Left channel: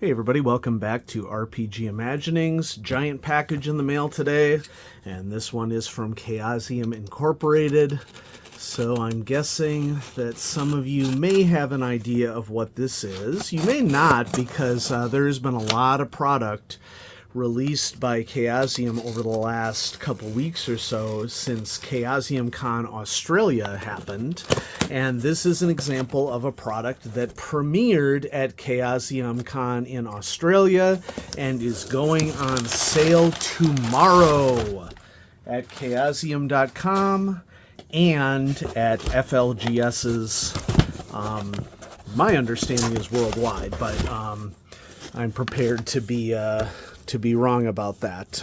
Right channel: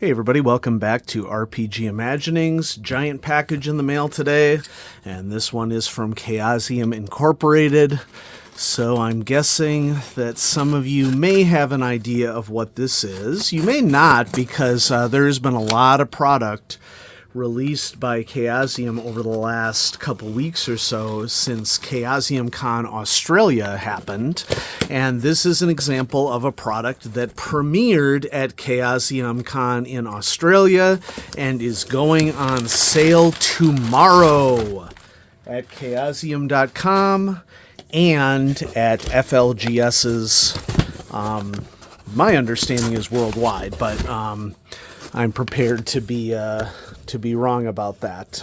Hey everybody, welcome back to RPG Imaginings. Giant package in the mail today, and this one is from Chaosium Incorporated. So I'm guessing that some of you may have an idea of what this is. You may not, because there has been a lot of product released by Chaosium over the last couple weeks or so since Chaosium Con Australia happened. And this is an example of a product that premiered at Chaosium Con in Australia and is going on sale tomorrow at chaosium.com and at FLGS's, my understanding is worldwide, but I'm prepared to be wrong about that.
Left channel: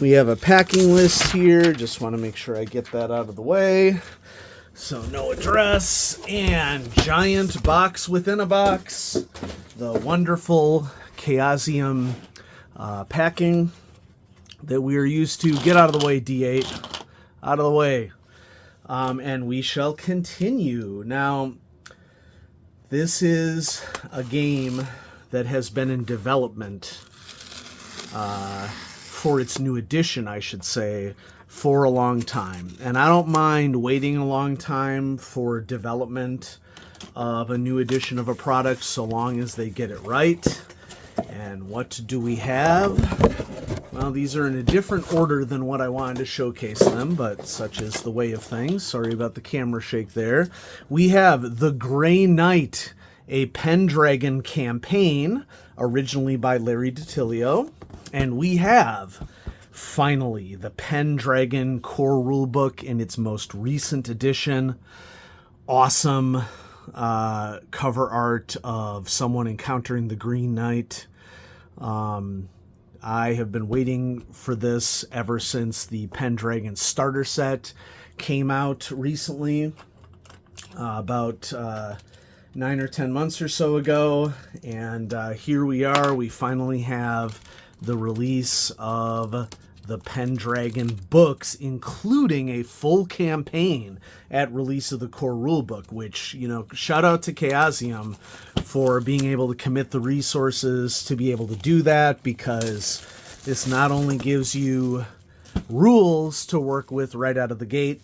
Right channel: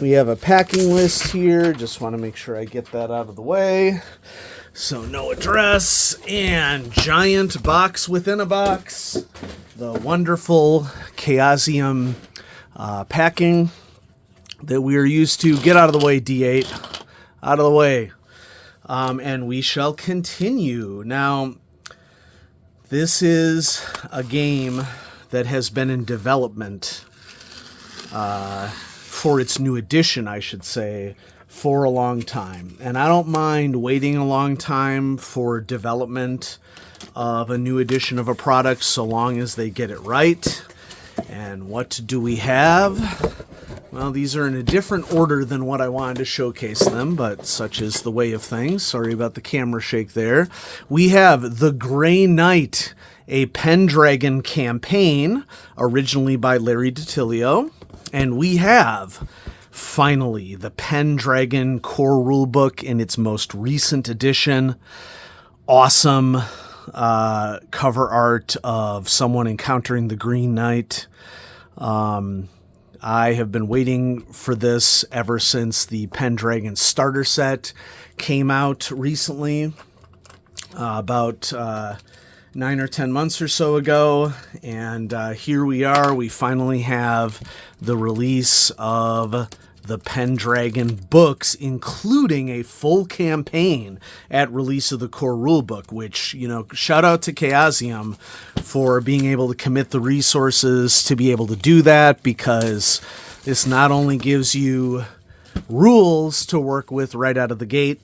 We have a packing list here. Just want to make sure I get that out of the way. So no address and giant box within a box. The wonderful Chaosium packing that we are used to. Get out of the way, D8. Out of the way. And we shall continue. Now, this is a game that has been in development for its new edition, I should say, for a long time. And I don't mind waiting a long time for development of a new edition of a product so long as they get it right. And what do we have? Well, these are in a different order than what I wanted to showcase them, but such is the way of things. Sorry about the camera shake there. We have The Grey Knight, a Pendragon campaign, originally by Larry DiTilio. And we have, finally, the Pendragon core rulebook in its most recent edition. Awesome cover art of someone encountering the Green Knight. I have been waiting for this ever since the Pendragon starter set came out recently, about 9 or 10 months or so ago, and here we are. We finally have the release of the Pendragon books, including a full campaign at release of the core rulebook, which, you know, shout out to Chaosium for being able to commit the resources to be able to do that, because this not only gives you rules to work with right out of the gate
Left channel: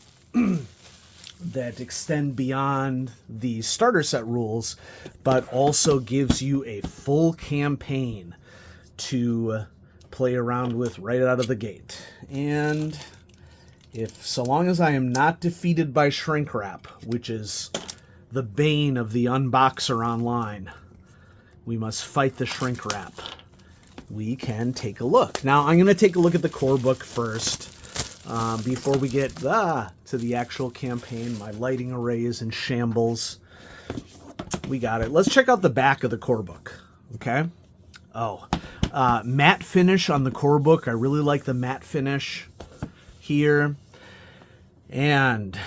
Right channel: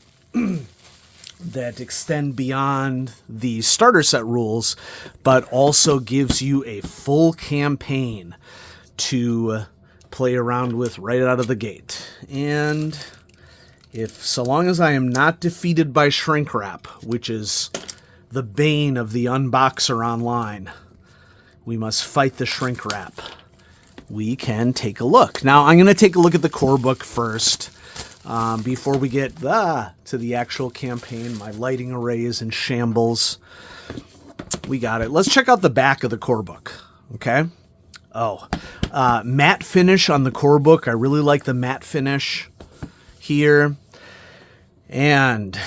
that extend beyond the starter set rules, but also gives you a full campaign to play around with right out of the gate. And so long as I am not defeated by shrink wrap, which is the bane of the unboxer online, we must fight the shrink wrap. We can take a look. Now, I'm going to take a look at the core book first. Before we get to the actual campaign. My lighting array is in shambles. We got it. Let's check out the back of the core book. Okay. Matte finish on the core book. I really like the matte finish here. And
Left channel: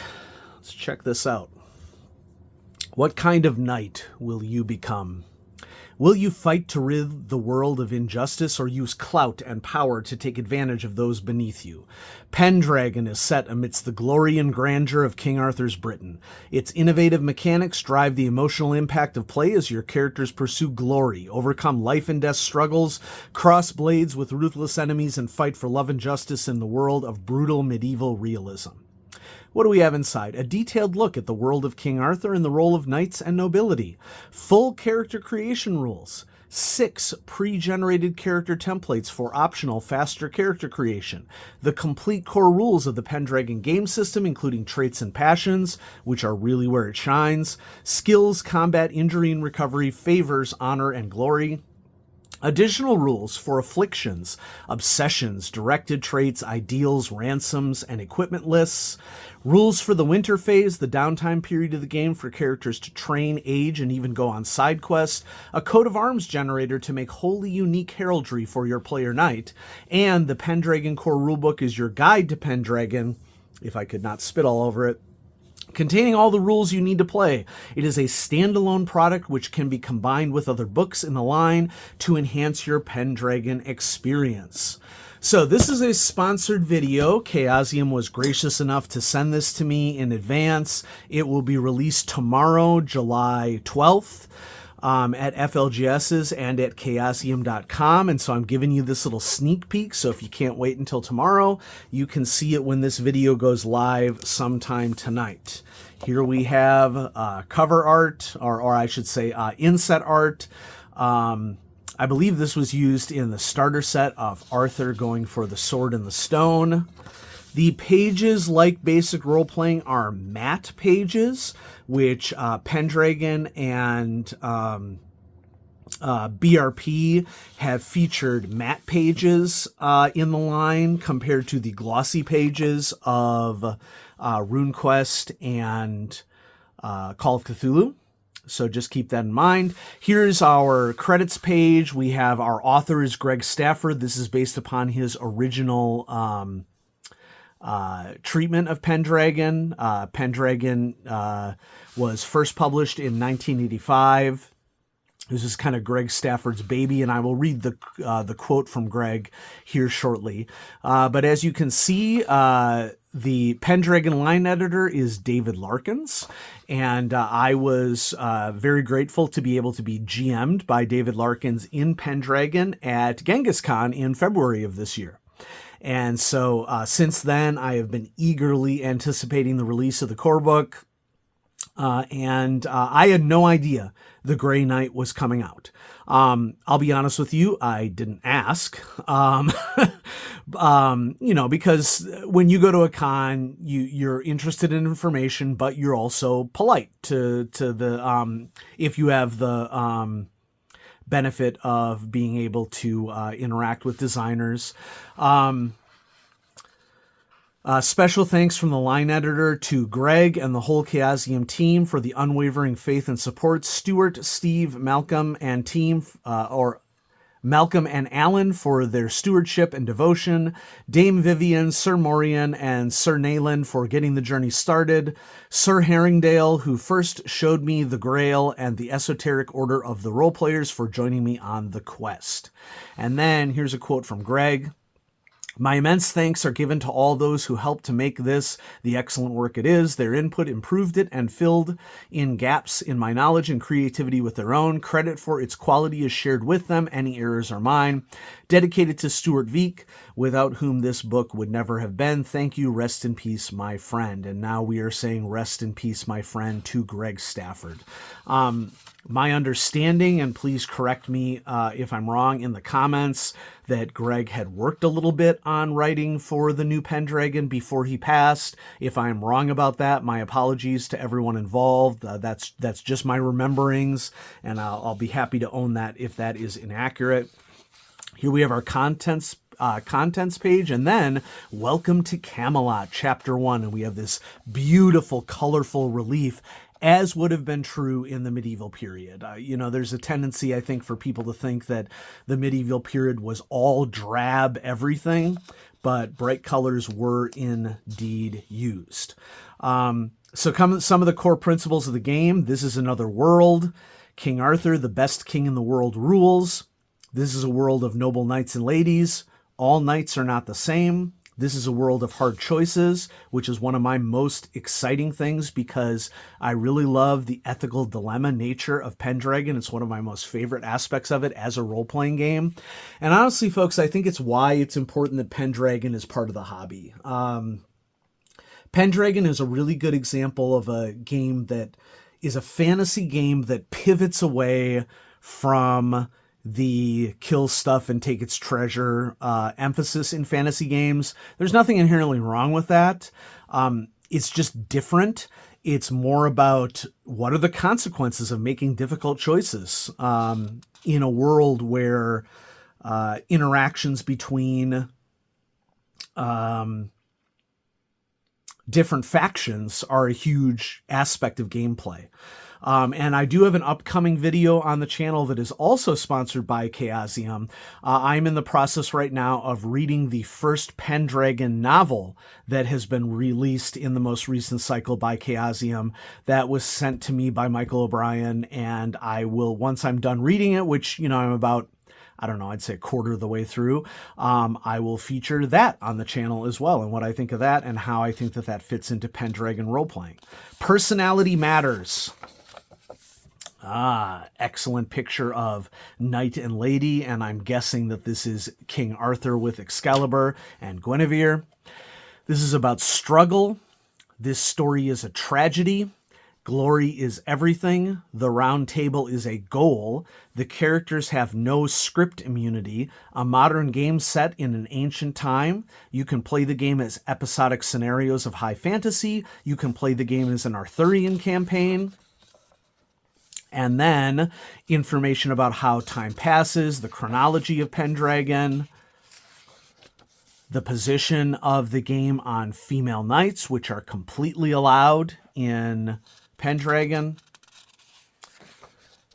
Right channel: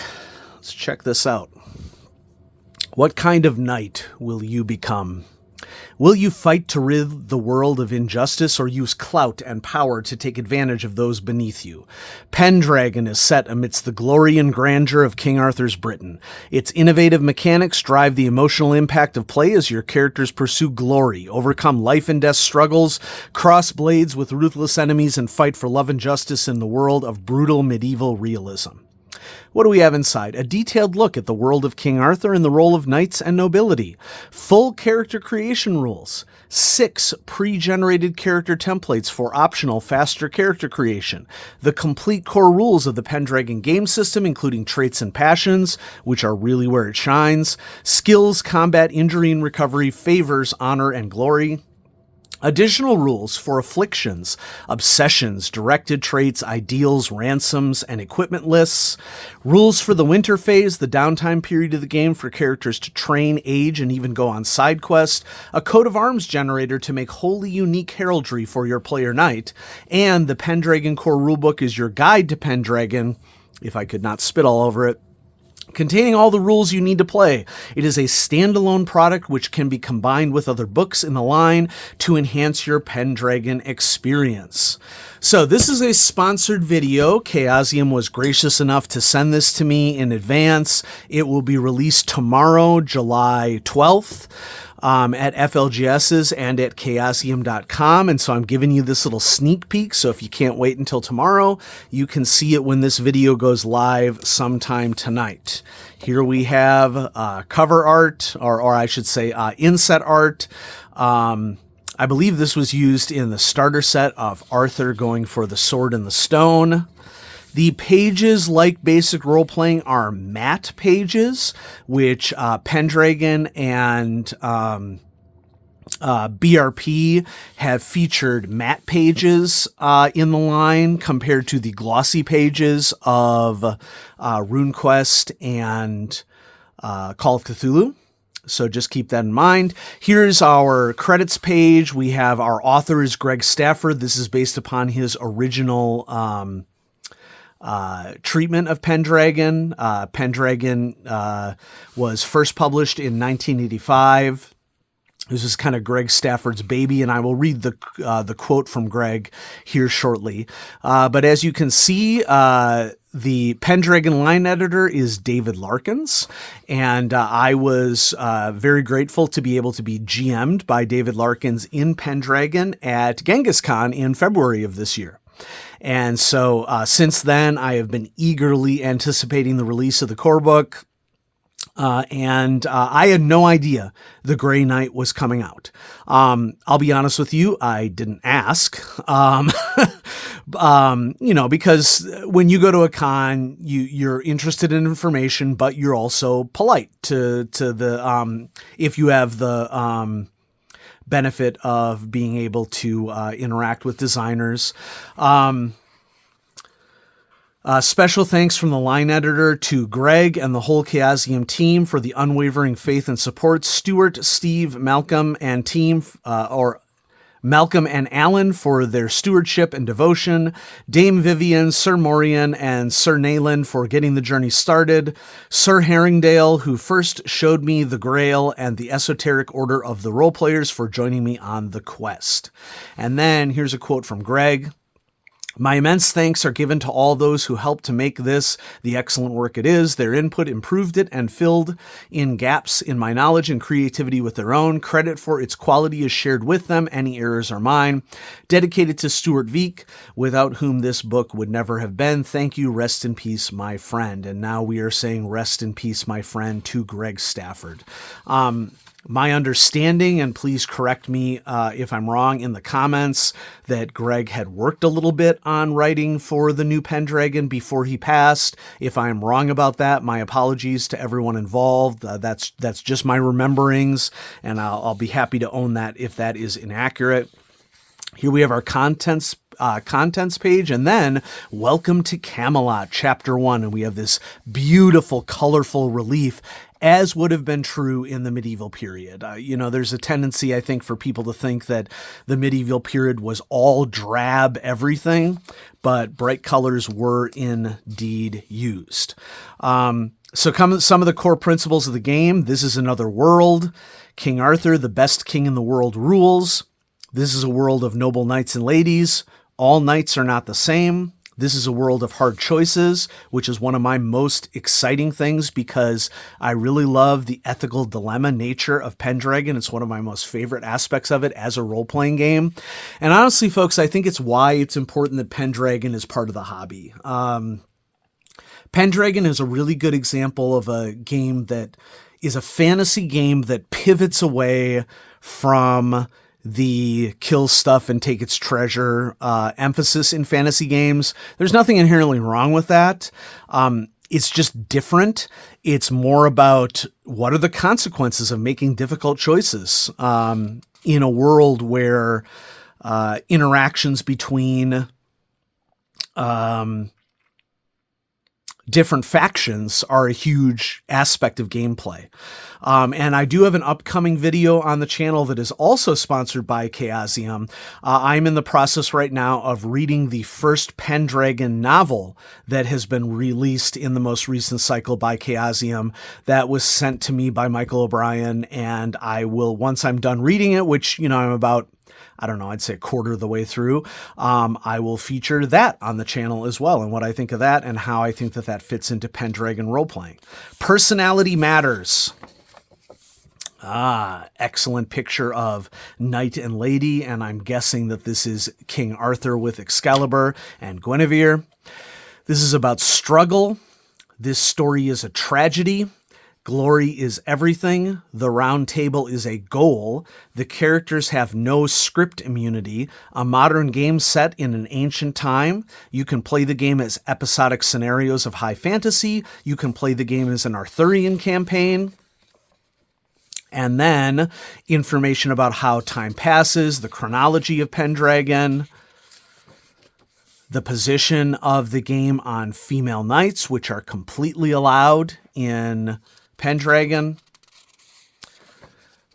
let's check this out. What kind of knight will you become? Will you fight to rid the world of injustice, or use clout and power to take advantage of those beneath you? Pendragon is set amidst the glory and grandeur of King Arthur's Britain. Its innovative mechanics drive the emotional impact of play as your characters pursue glory, overcome life and death struggles, cross blades with ruthless enemies, and fight for love and justice in the world of brutal medieval realism. What do we have inside? A detailed look at the world of King Arthur and the role of knights and nobility. Full character creation rules. 6 pre-generated character templates for optional, faster character creation. The complete core rules of the Pendragon game system, including traits and passions, which are really where it shines. Skills, combat, injury and recovery, favors, honor, and glory. Additional rules for afflictions, obsessions, directed traits, ideals, ransoms, and equipment lists. Rules for the winter phase, the downtime period of the game for characters to train, age, and even go on side quests. A coat of arms generator to make wholly unique heraldry for your player knight. And the Pendragon core rulebook is your guide to Pendragon, if I could not spit all over it, containing all the rules you need to play. It is a standalone product which can be combined with other books in the line to enhance your Pendragon experience. So this is a sponsored video. Chaosium was gracious enough to send this to me in advance. It will be released tomorrow, July 12th. at FLGS's and at chaosium.com. And so I'm giving you this little sneak peek. So if you can't wait until tomorrow, you can see it when this video goes live sometime tonight. Here we have cover art, or I should say inset art. I believe this was used in the starter set of Arthur going for the sword and the stone. The pages, like basic role-playing, are matte pages, which Pendragon and BRP have featured matte pages in the line compared to the glossy pages of RuneQuest and Call of Cthulhu. So just keep that in mind. Here's our credits page. We have our author is Greg Stafford. This is based upon his original treatment of Pendragon. Pendragon was first published in 1985. This is kind of Greg Stafford's baby, and I will read the quote from Greg here shortly. But as you can see, the Pendragon line editor is David Larkins, and I was very grateful to be able to be GM'd by David Larkins in Pendragon at Genghis Khan in February of this year. And so since then, I have been eagerly anticipating the release of the Corebook. And I had no idea the Grey Knight was coming out. I'll be honest with you, I didn't ask. Because when you go to a con, you're interested in information, but you're also polite to the if you have the benefit of being able to interact with designers. Special thanks from the line editor to Greg and the whole Chaosium team for the unwavering faith and support. Stuart, Steve, Malcolm, and team, or Malcolm and Alan for their stewardship and devotion. Dame Vivian, Sir Morian, and Sir Nayland for getting the journey started. Sir Herringdale, who first showed me the Grail, and the Esoteric Order of the Roleplayers for joining me on the quest. And then here's a quote from Greg. My immense thanks are given to all those who helped to make this the excellent work it is. Their input improved it and filled in gaps in my knowledge and creativity with their own. Credit for its quality is shared with them. Any errors are mine. Dedicated to Stuart Veek, without whom this book would never have been. Thank you. Rest in peace, my friend. And now we are saying rest in peace, my friend, to Greg Stafford. My understanding, and please correct me if I'm wrong in the comments, that Greg had worked a little bit on writing for the new Pendragon before he passed. If I'm wrong about that, my apologies to everyone involved. That's just my rememberings, and I'll be happy to own that if that is inaccurate. Here we have our contents page, and then Welcome to Camelot, Chapter 1, and we have this beautiful, colorful relief, as would have been true in the medieval period. There's a tendency, I think, for people to think that the medieval period was all drab everything, but bright colors were indeed used. So come some of the core principles of the game. This is another world. King Arthur, the best king in the world, rules. This is a world of noble knights and ladies. All knights are not the same. This is a world of hard choices, which is one of my most exciting things because I really love the ethical dilemma nature of Pendragon. It's one of my most favorite aspects of it as a role-playing game. And honestly, folks, I think it's why it's important that Pendragon is part of the hobby. Pendragon is a really good example of a game that is a fantasy game that pivots away from the kill stuff and take its treasure emphasis in fantasy games. There's nothing inherently wrong with that. It's just different. It's more about what are the consequences of making difficult choices in a world where interactions between different factions are a huge aspect of gameplay. And I do have an upcoming video on the channel that is also sponsored by Chaosium. I'm in the process right now of reading the first Pendragon novel that has been released in the most recent cycle by Chaosium. That was sent to me by Michael O'Brien, and I will, once I'm done reading it, which, I'm about, I'd say a quarter of the way through, I will feature that on the channel as well, and what I think of that and how I think that fits into Pendragon role-playing. Personality matters. Excellent picture of knight and lady, and I'm guessing that this is King Arthur with Excalibur and Guinevere. This is about struggle. This story is a tragedy. Glory is everything. The round table is a goal. The characters have no script immunity. A modern game set in an ancient time. You can play the game as episodic scenarios of high fantasy. You can play the game as an Arthurian campaign. And then information about how time passes, the chronology of Pendragon, the position of the game on female knights, which are completely allowed in Pendragon,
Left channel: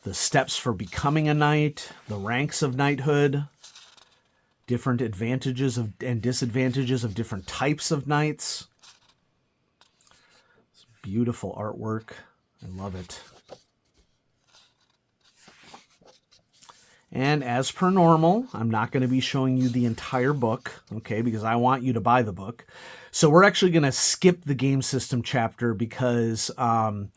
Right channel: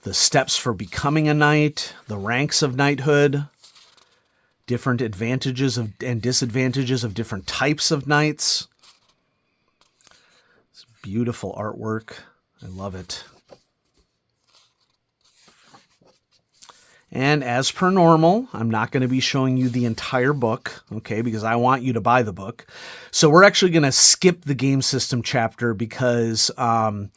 the steps for becoming a knight, the ranks of knighthood, different advantages and disadvantages of different types of knights. It's beautiful artwork. I love it. And as per normal, I'm not going to be showing you the entire book, okay, because I want you to buy the book. So we're actually going to skip the game system chapter because the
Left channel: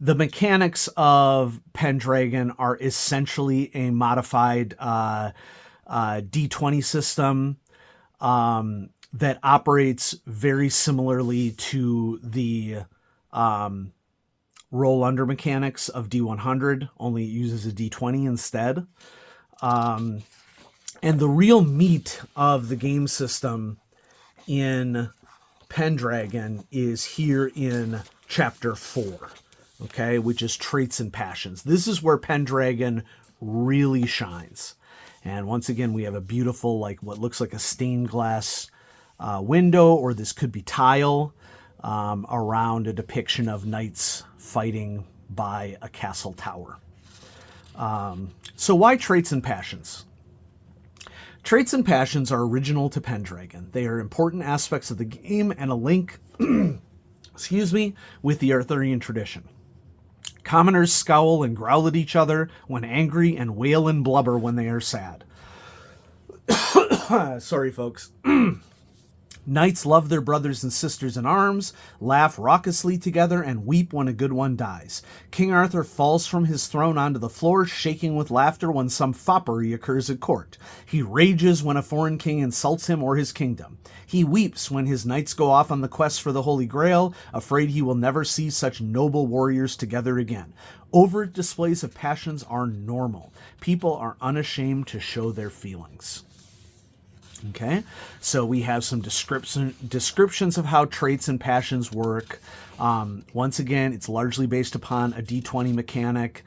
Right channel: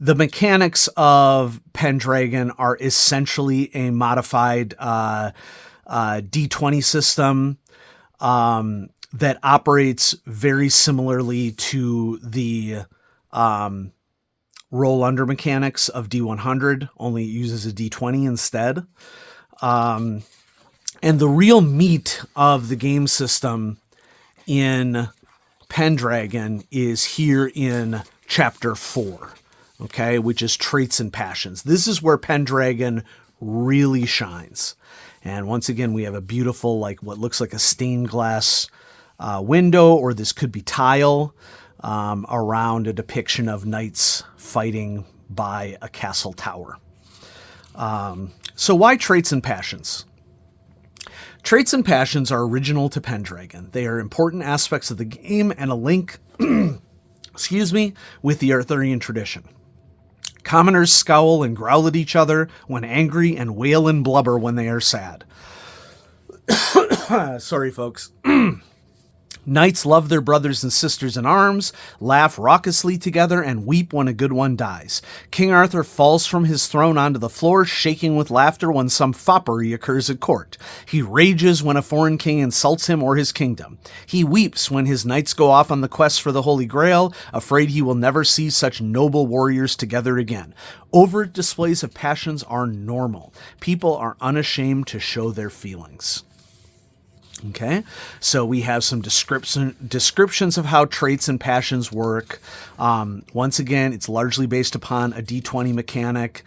mechanics of Pendragon are essentially a modified D20 system that operates very similarly to the roll under mechanics of D100, only it uses a D20 instead. And the real meat of the game system in Pendragon is here in chapter 4, okay, which is traits and passions. This is where Pendragon really shines. And once again, we have a beautiful, like what looks like a stained glass window, or this could be tile, around a depiction of knights fighting by a castle tower. So why traits and passions? Traits and passions are original to Pendragon. They are important aspects of the game and a link, with the Arthurian tradition. Commoners scowl and growl at each other when angry and wail and blubber when they are sad. Sorry, folks. Knights love their brothers and sisters in arms, laugh raucously together, and weep when a good one dies. King Arthur falls from his throne onto the floor, shaking with laughter when some foppery occurs at court. He rages when a foreign king insults him or his kingdom. He weeps when his knights go off on the quest for the Holy Grail, afraid he will never see such noble warriors together again. Overt displays of passions are normal. People are unashamed to show their feelings. Okay, so we have some descriptions of how traits and passions work. Once again, it's largely based upon a D20 mechanic.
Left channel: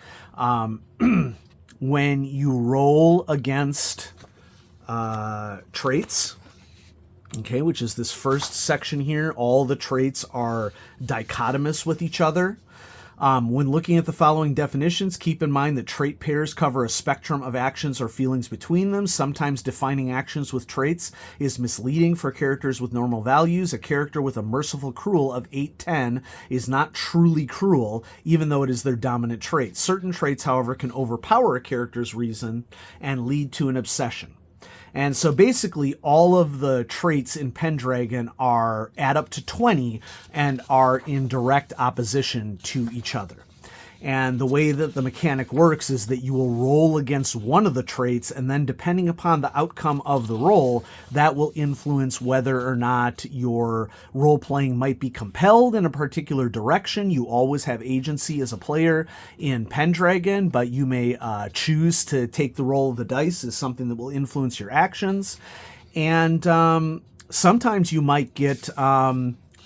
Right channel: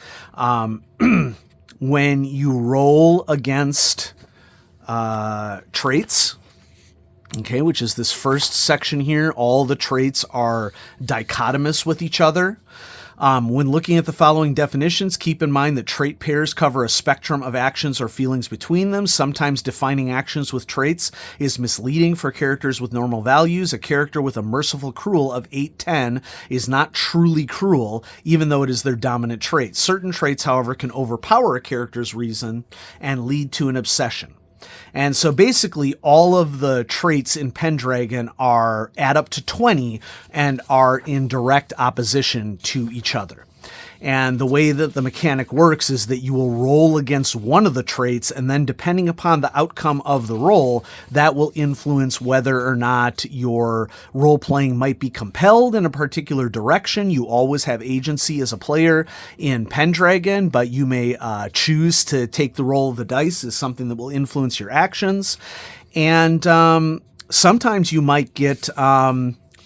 When you roll against traits, okay, which is this first section here, all the traits are dichotomous with each other. When looking at the following definitions, keep in mind that trait pairs cover a spectrum of actions or feelings between them. Sometimes defining actions with traits is misleading for characters with normal values. A character with a merciful cruel of 8-10 is not truly cruel, even though it is their dominant trait. Certain traits, however, can overpower a character's reason and lead to an obsession. And so basically all of the traits in Pendragon add up to 20 and are in direct opposition to each other. And the way that the mechanic works is that you will roll against one of the traits, and then depending upon the outcome of the roll, that will influence whether or not your role-playing might be compelled in a particular direction. You always have agency as a player in Pendragon, but you may choose to take the roll of the dice as something that will influence your actions. And sometimes you might get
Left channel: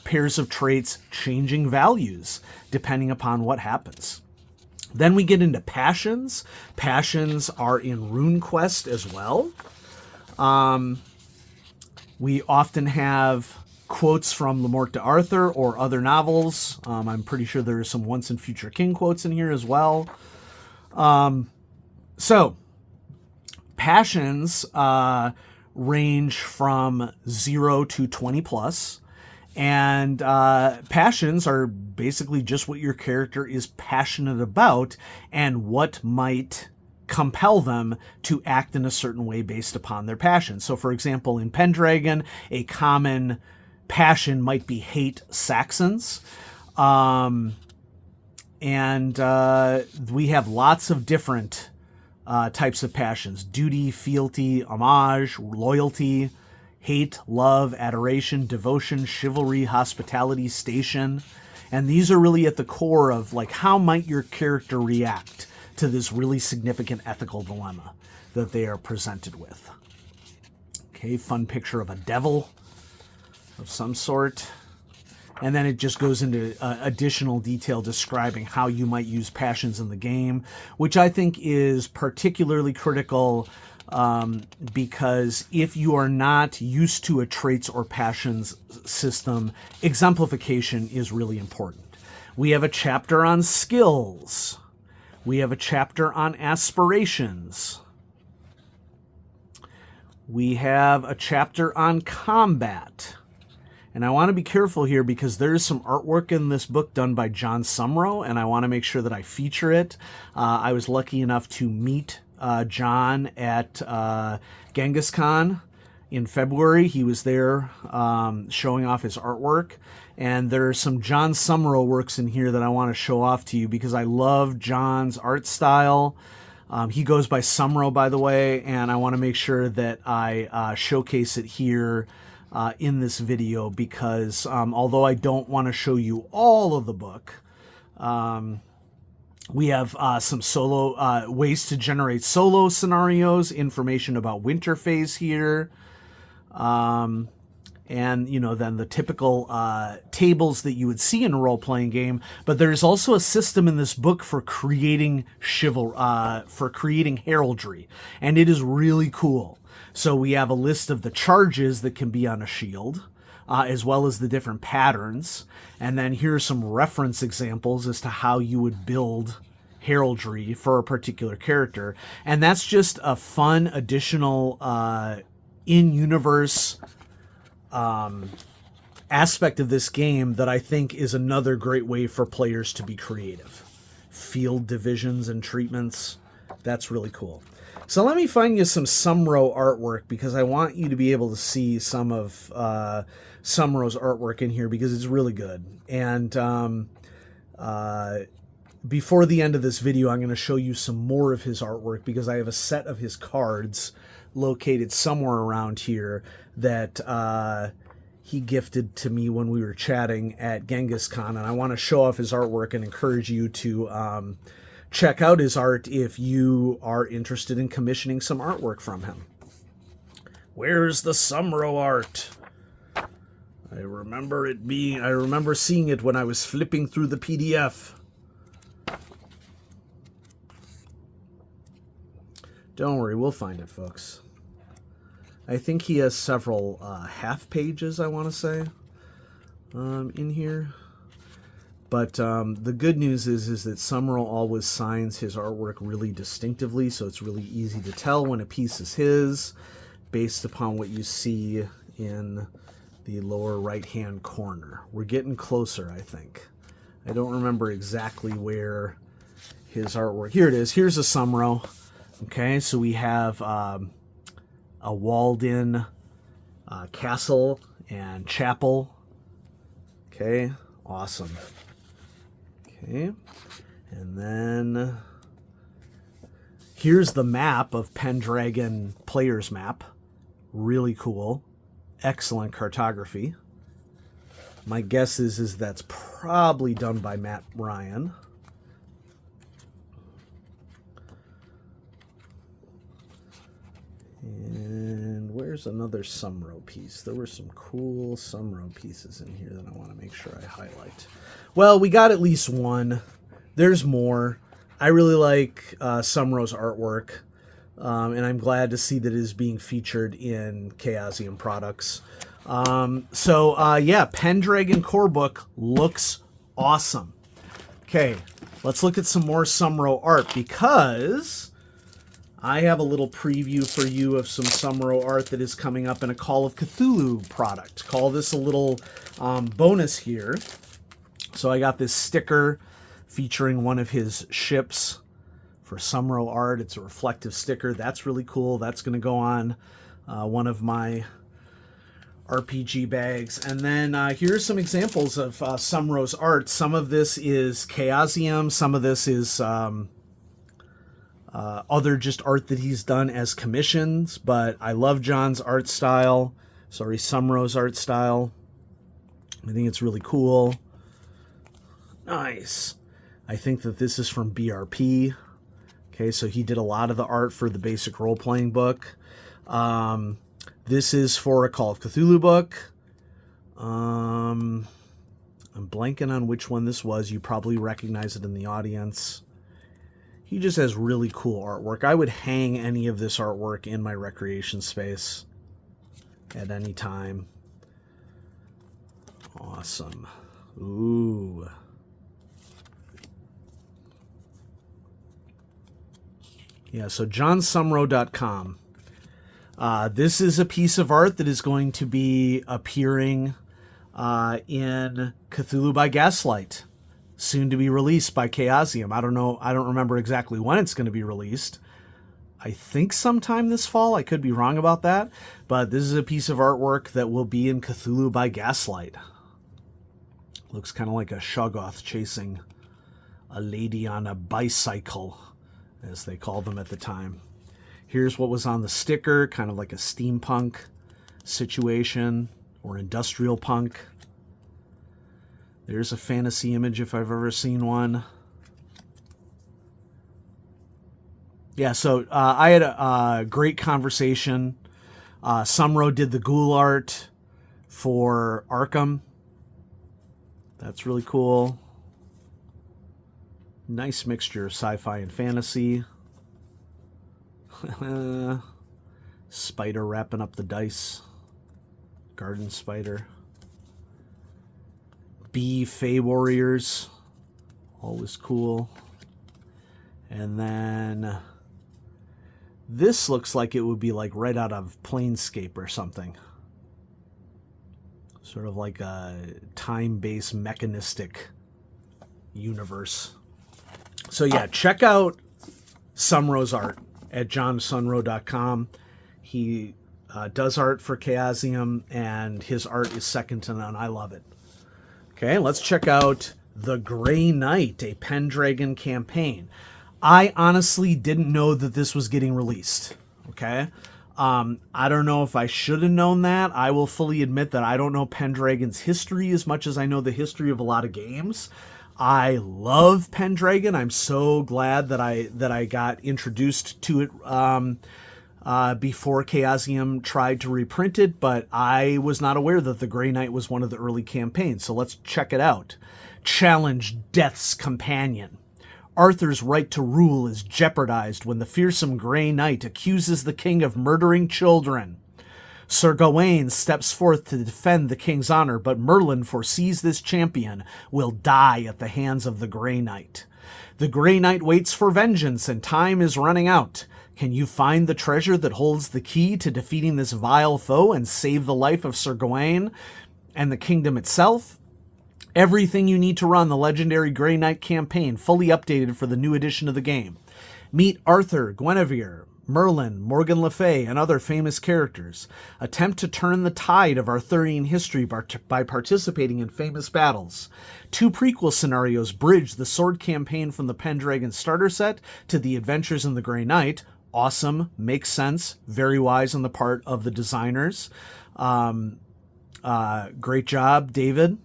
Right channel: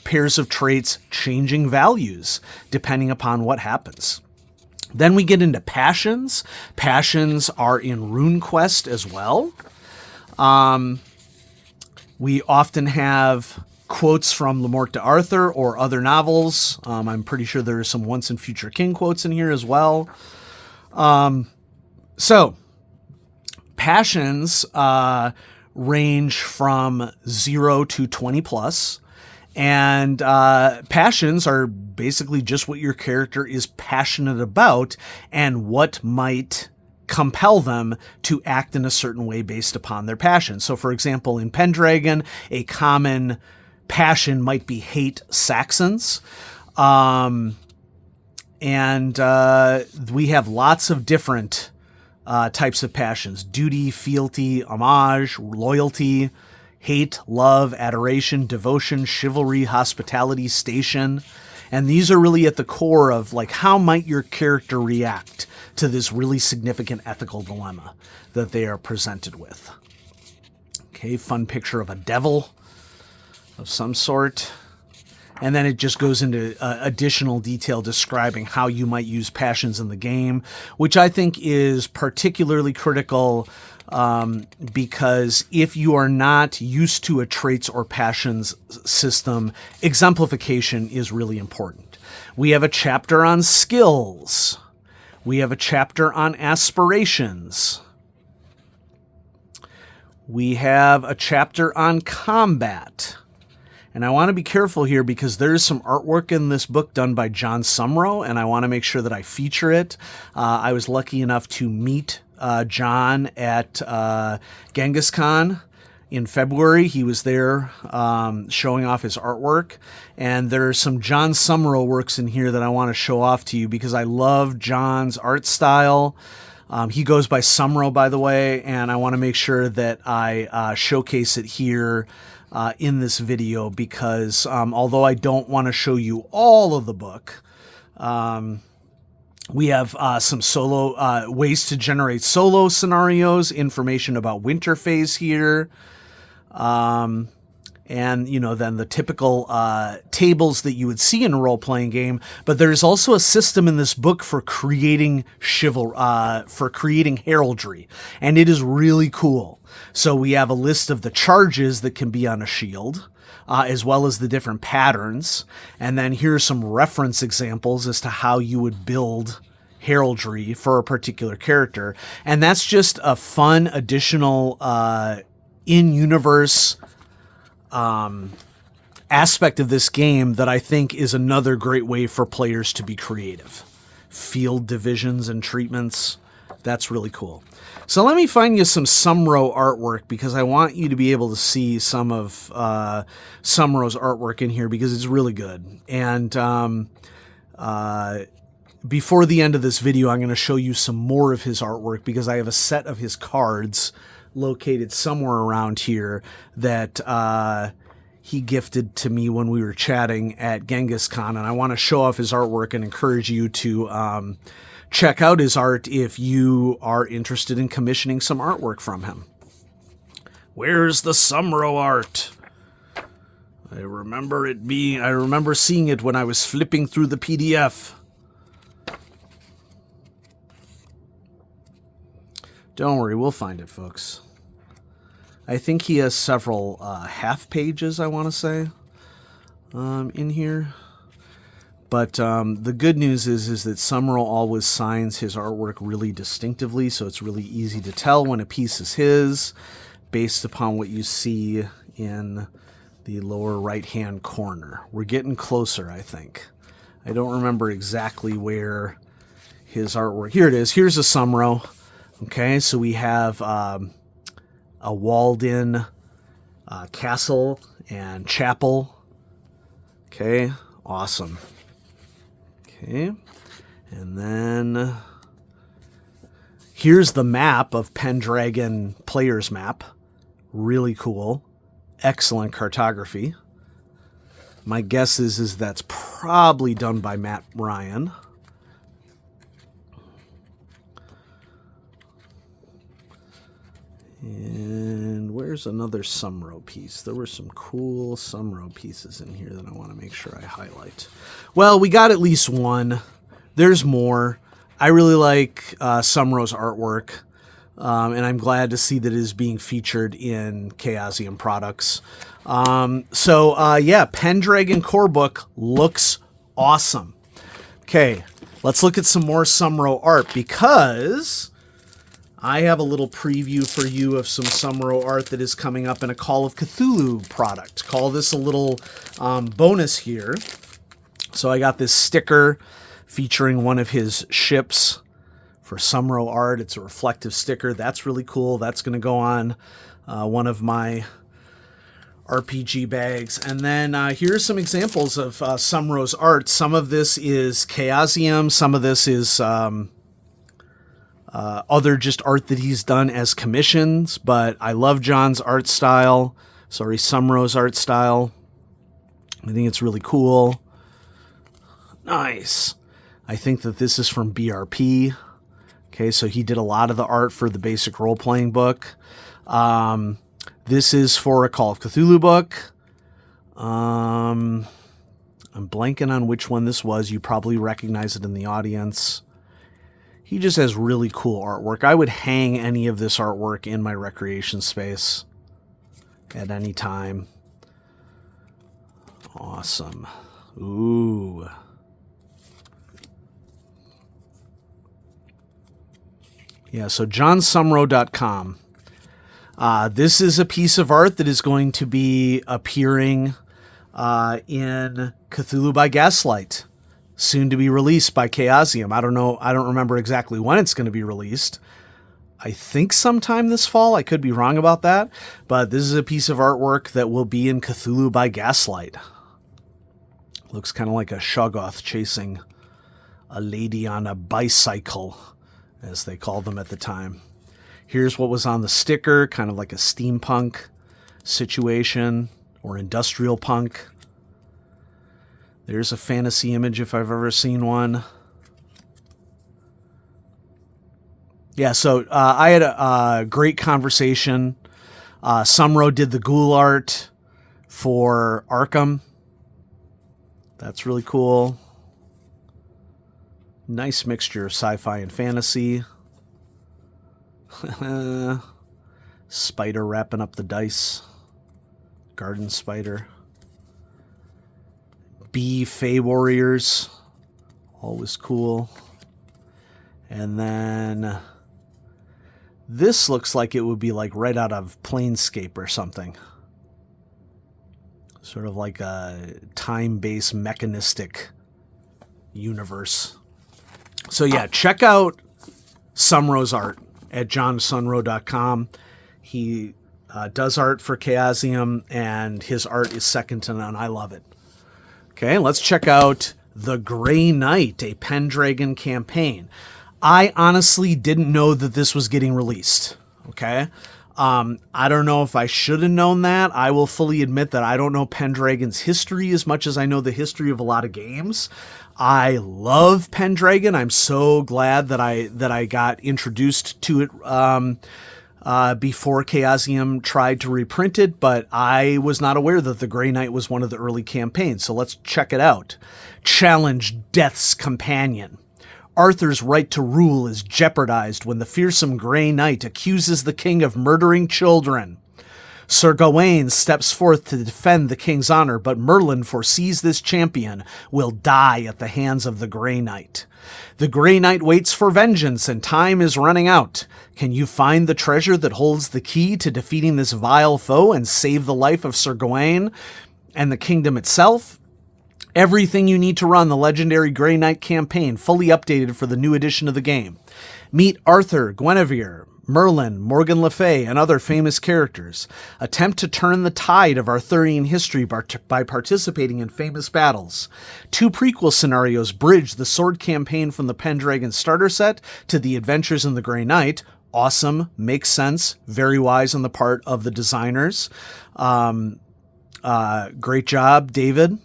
pairs of traits changing values depending upon what happens. Then we get into passions. Passions are in RuneQuest as well. We often have quotes from Le Morte d'Arthur or other novels. I'm pretty sure there are some Once and Future King quotes in here as well. So passions range from 0 to 20 plus. And passions are basically just what your character is passionate about and what might compel them to act in a certain way based upon their passion. So, for example, in Pendragon, a common passion might be hate Saxons. And we have lots of different types of passions: duty, fealty, homage, loyalty, hate, love, adoration, devotion, chivalry, hospitality, station. And these are really at the core of, like, how might your character react to this really significant ethical dilemma that they are presented with. Okay, fun picture of a devil of some sort. And then it just goes into additional detail describing how you might use passions in the game, which I think is particularly critical because if you are not used to a traits or passions system, exemplification is really important. We have a chapter on skills. We have a chapter on aspirations. We have a chapter on combat. And I want to be careful here because there is some artwork in this book done by John Sumrow, and I want to make sure that I feature it. I was lucky enough to meet John at Genghis Khan in February. He was there showing off his artwork. And there are some John Sumrow works in here that I want to show off to you because I love John's art style. He goes by Sumrow, by the way, and I want to make sure that I showcase it here in this video because although I don't want to show you all of the book, we have some solo ways to generate solo scenarios, information about winter phase here, and then the typical tables that you would see in a role-playing game. But there's also a system in this book for creating heraldry, and it is really cool. So we have a list of the charges that can be on a shield, as well as the different patterns. And then here's some reference examples as to how you would build heraldry for a particular character. And that's just a fun additional in-universe aspect of this game that I think is another great way for players to be creative. Field divisions and treatments. That's really cool. So let me find you some Sumrow artwork because I want you to be able to see some of Sumrow's artwork in here because it's really good. And before the end of this video, I'm going to show you some more of his artwork because I have a set of his cards located somewhere around here that he gifted to me when we were chatting at Genghis Khan. And I want to show off his artwork and encourage you to check out his art if you are interested in commissioning some artwork from him. Where's the Sumrow art? I remember seeing it when I was flipping through the PDF. Don't worry, we'll find it, folks. I think he has several half pages, I want to say, in here. But the good news is that Sumrow always signs his artwork really distinctively, so it's really easy to tell when a piece is his based upon what you see in the lower right-hand corner. We're getting closer, I think. I don't remember exactly where his artwork... Here it is. Here's a Sumrow. Okay, so we have a walled-in castle and chapel. Okay, awesome. Okay, and then here's the map of Pendragon player's map. Really cool. Excellent cartography. My guess is that's probably done by Matt Ryan. And where's another Sumrow piece? There were some cool Sumrow pieces in here that I want to make sure I highlight. Well, we got at least one. There's more. I really like Sumrow's artwork, and I'm glad to see that it is being featured in Chaosium products. Yeah, Pendragon Corebook looks awesome. Okay, let's look at some more Sumrow art because I have a little preview for you of some Sumrow art that is coming up in a Call of Cthulhu product. Call this a little bonus here. So I got this sticker featuring one of his ships for Sumrow art. It's a reflective sticker. That's really cool. That's going to go on one of my RPG bags. And then here's some examples of Sumrow's art. Some of this is Chaosium. Some of this is other just art that he's done as commissions. But I love John's art style. Sorry, Sumrow's art style. I think it's really cool. Nice. I think that this is from BRP. Okay, so he did a lot of the art for the basic role-playing book. This is for a Call of Cthulhu book. I'm blanking on which one this was. You probably recognize it in the audience. He just has really cool artwork. I would hang any of this artwork in my recreation space at any time. Awesome. Ooh. Yeah, so johnsumrow.com. This is a piece of art that is going to be appearing in Cthulhu by Gaslight, soon to be released by Chaosium. I don't know. I don't remember exactly when it's going to be released. I think sometime this fall. I could be wrong about that. But this is a piece of artwork that will be in Cthulhu by Gaslight. Looks kind of like a Shoggoth chasing a lady on a bicycle, as they called them at the time. Here's what was on the sticker, kind of like a steampunk situation or industrial punk. There's a fantasy image if I've ever seen one. Yeah, so I had a great conversation. Sumrow did the ghoul art for Arkham. That's really cool. Nice mixture of sci-fi and fantasy. Spider wrapping up the dice. Garden spider. Bee Fey Warriors. Always cool. And then this looks like it would be like right out of Planescape or something. Sort of like a time-based mechanistic universe. So yeah, check out Sumrow's art at johnsumrow.com. He does art for Chaosium, and his art is second to none. I love it. Okay, let's check out The Grey Knight, a Pendragon campaign. I honestly didn't know that this was getting released. Okay, I don't know if I should have known that. I will fully admit that I don't know Pendragon's history as much as I know the history of a lot of games. I love Pendragon. I'm so glad that I got introduced to it before Chaosium tried to reprint it, but I was not aware that the Grey Knight was one of the early campaigns, so let's check it out. Challenge Death's Companion. Arthur's right to rule is jeopardized when the fearsome Grey Knight accuses the king of murdering children. Sir Gawain steps forth to defend the king's honor, but Merlin foresees this champion will die at the hands of the Grey Knight. The Grey Knight waits for vengeance, and time is running out. Can you find the treasure that holds the key to defeating this vile foe and save the life of Sir Gawain and the kingdom itself? Everything you need to run the legendary Grey Knight campaign, fully updated for the new edition of the game. Meet Arthur, Guinevere, Merlin, Morgan Le Fay, and other famous characters. Attempt to turn the tide of Arthurian history by participating in famous battles. 2 prequel scenarios bridge the sword campaign from the Pendragon starter set to the adventures in the Grey Knight. Awesome, makes sense, very wise on the part of the designers. Great job, David.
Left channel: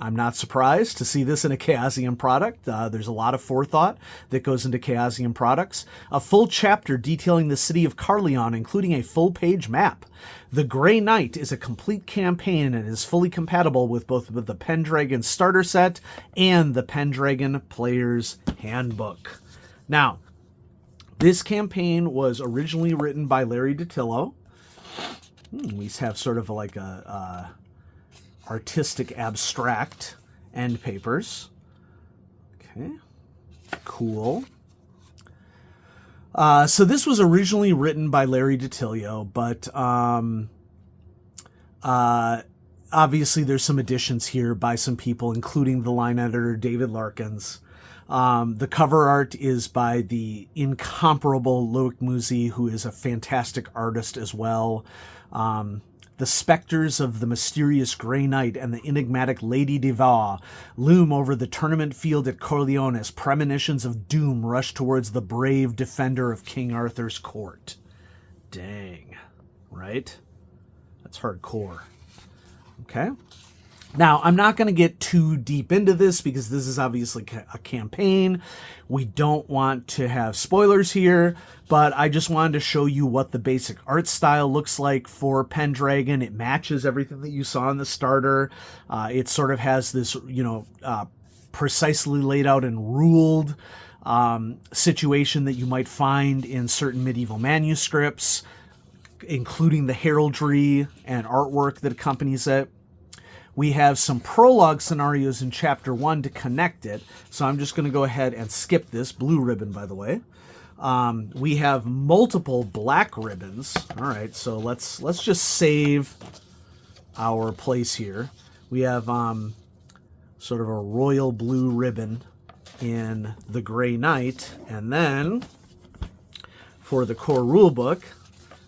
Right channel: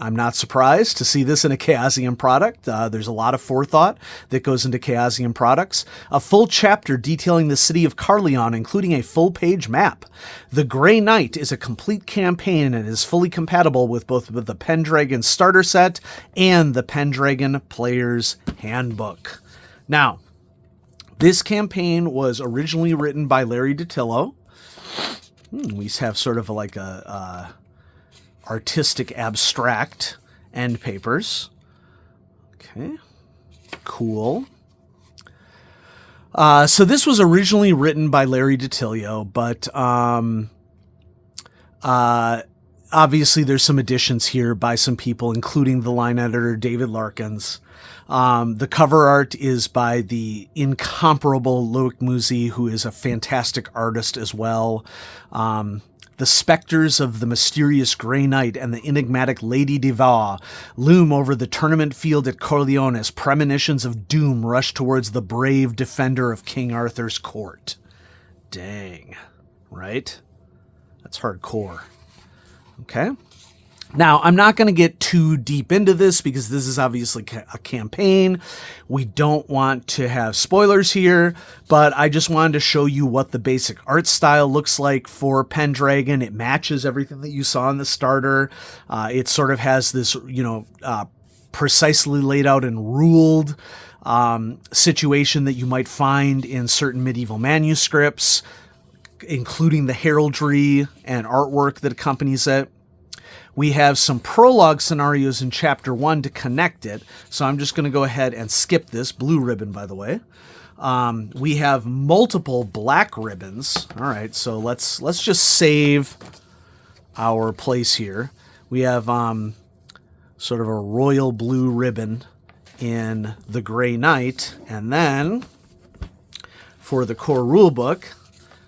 I'm not surprised to see this in a Chaosium product. There's a lot of forethought that goes into Chaosium products. A full chapter detailing the city of Carleon, including a full-page map. The Grey Knight is a complete campaign and is fully compatible with both the Pendragon starter set and the Pendragon Player's Handbook. Now, this campaign was originally written by Larry DiTillo. We have sort of like a artistic abstract end papers. Okay, cool. So this was originally written by Larry DiTillo, but obviously there's some additions here by some people, including the line editor David Larkins. The cover art is by the incomparable Loic Musi, who is a fantastic artist as well. The specters of the mysterious Grey Knight and the enigmatic Lady Devour loom over the tournament field at Corleone as premonitions of doom rush towards the brave defender of King Arthur's court. Dang. Right? That's hardcore. Okay. Now, I'm not going to get too deep into this because this is obviously a campaign. We don't want to have spoilers here, but I just wanted to show you what the basic art style looks like for Pendragon. It matches everything that you saw in the starter. It sort of has this, precisely laid out and ruled situation that you might find in certain medieval manuscripts, including the heraldry and artwork that accompanies it. We have some prologue scenarios in Chapter 1 to connect it, so I'm just going to go ahead and skip this. Blue ribbon, by the way. We have multiple black ribbons. All right, so let's just save our place here. We have sort of a royal blue ribbon in the Grey Knight, and then for the core rulebook,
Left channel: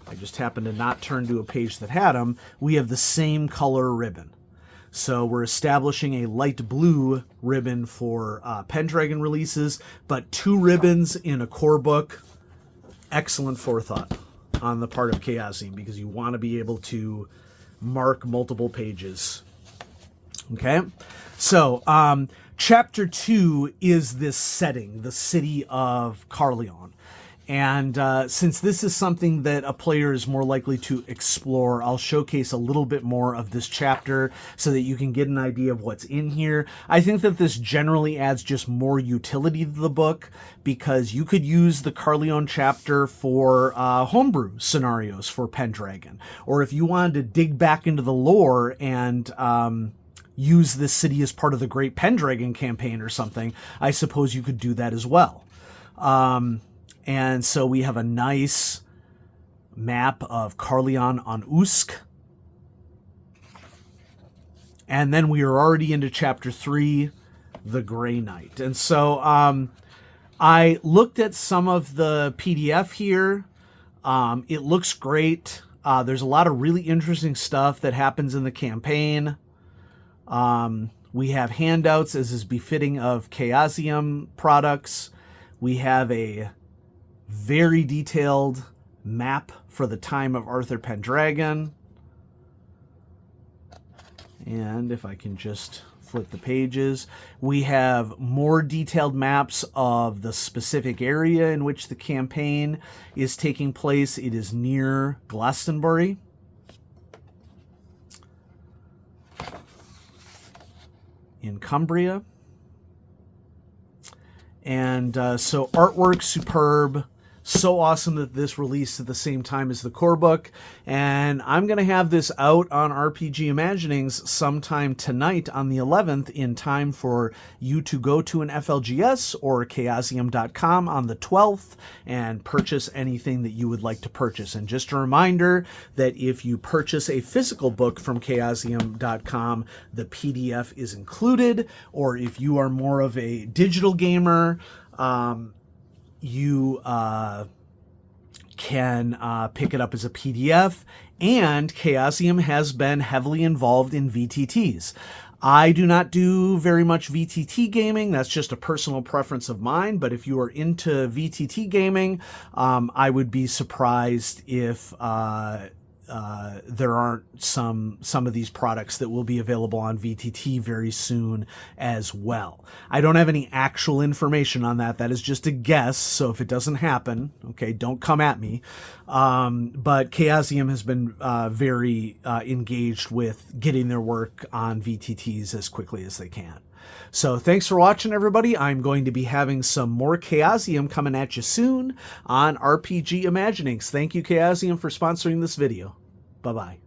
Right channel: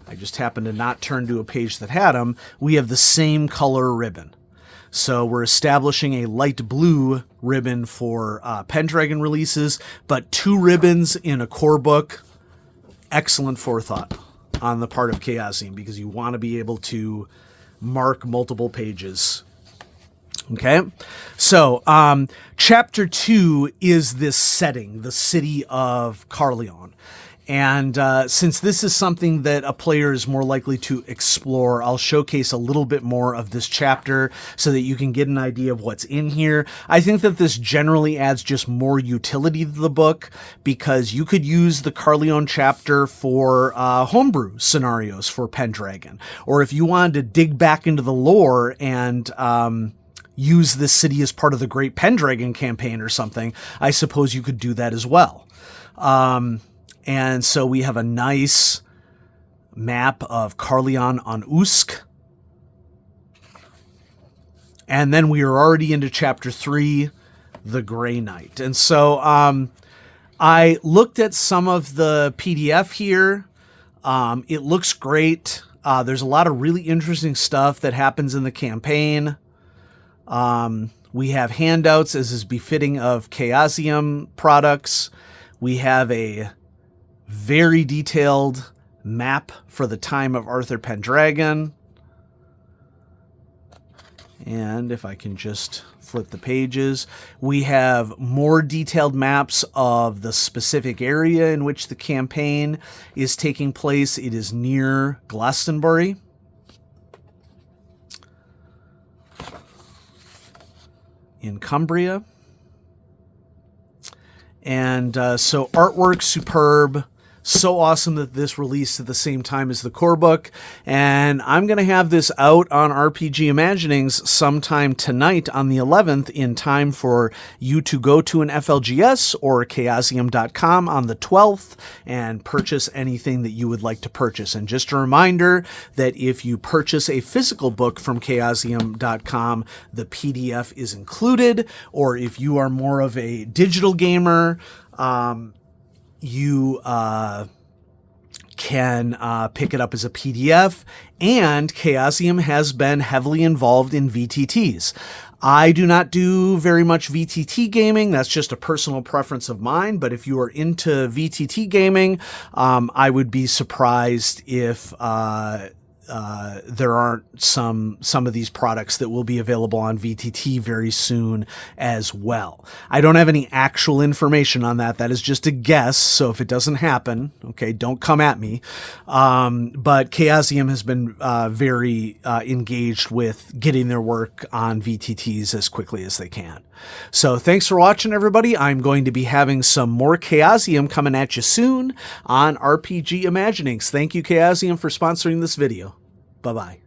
I just happened to not turn to a page that had them, we have the same color ribbon. So we're establishing a light blue ribbon for Pendragon releases, but 2 ribbons in a core book. Excellent forethought on the part of Chaosium, because you want to be able to mark multiple pages. Okay, so Chapter 2 is this setting, the city of Corleone. And since this is something that a player is more likely to explore, I'll showcase a little bit more of this chapter so that you can get an idea of what's in here. I think that this generally adds just more utility to the book, because you could use the Corleone chapter for homebrew scenarios for Pendragon. Or if you wanted to dig back into the lore and use this city as part of the Great Pendragon campaign or something, I suppose you could do that as well. And so we have a nice map of Corleone on Usk. And then we are already into Chapter 3, the Grey Knight. And so I looked at some of the PDF here. It looks great. There's a lot of really interesting stuff that happens in the campaign. We have handouts, as is befitting of Chaosium products. We have a very detailed map for the time of Arthur Pendragon. And if I can just flip the pages, we have more detailed maps of the specific area in which the campaign is taking place. It is near Glastonbury. In Cumbria. And so artwork superb. So awesome that this released at the same time as the core book. And I'm going to have this out on RPG Imaginings sometime tonight on the 11th, in time for you to go to an FLGS or chaosium.com on the 12th and purchase anything that you would like to purchase. And just a reminder that if you purchase a physical book from chaosium.com, the PDF is included. Or if you are more of a digital gamer, you can pick it up as a PDF, and Chaosium has been heavily involved in VTTs. I do not do very much VTT gaming. That's just a personal preference of mine. But if you are into VTT gaming, I would be surprised if there aren't some of these products that will be available on VTT very soon as well. I don't have any actual information on that. That is just a guess. So if it doesn't happen, okay, don't come at me. But Chaosium has been very engaged with getting their work on VTTs as quickly as they can. So thanks for watching, everybody. I'm going to be having some more Chaosium coming at you soon on RPG Imaginings. Thank you, Chaosium, for sponsoring this video. Bye-bye.